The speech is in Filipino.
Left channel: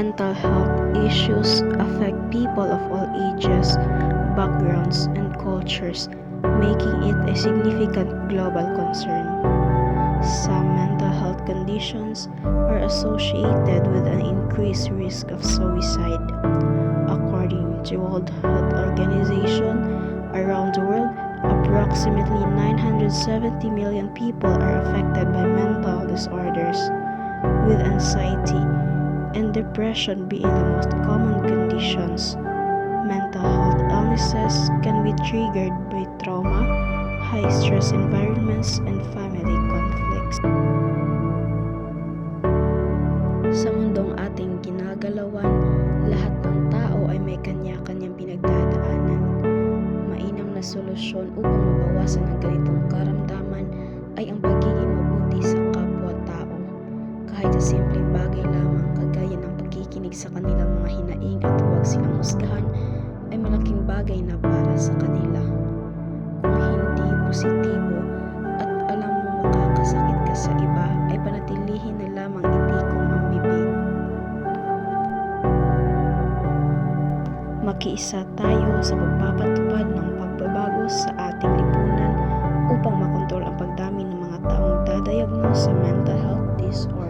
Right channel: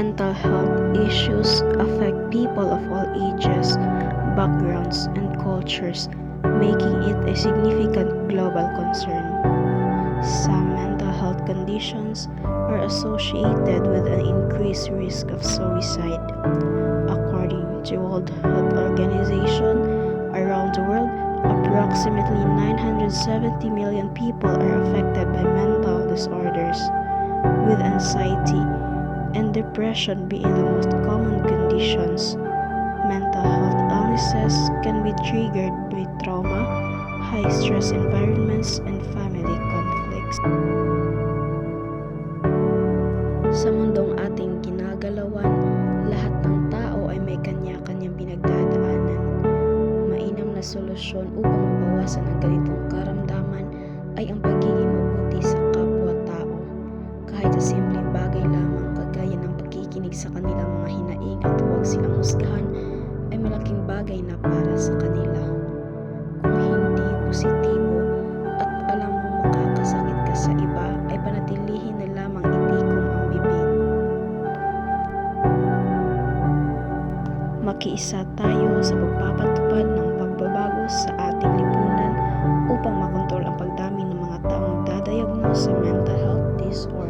Mental health issues affect people of all ages, backgrounds, and cultures, making it a significant global concern. Some mental health conditions are associated with an increased risk of suicide. According to World Health Organization, around the world, approximately 970 million people are affected by mental disorders, with anxiety and depression being the most common conditions. Mental health illnesses can be triggered by trauma, high-stress environments, and family conflicts. Sa mundong ating ginagalawan, lahat ng tao ay may kanya-kanyang pinagdadaanan. Mainam na solusyon upang mabawasan ang ganitong karamdaman ay ang pagiging mabuti sa kapwa-tao. Kahit sa simpleng bagay lamang kagaya ng pagkikinig sa kanilang mga hinaing at huwag silang husgahan ay malaking bagay na para sa kanila. Kung hindi positibo at alam mo makakasakit ka sa iba ay panatilihin na lamang itikom ang bibig. Makiisa tayo sa pagpapatupad ng pagbabago sa ating lipunan upang makontrol ang pagdami ng mga taong dadiagnose sa mental health disorder.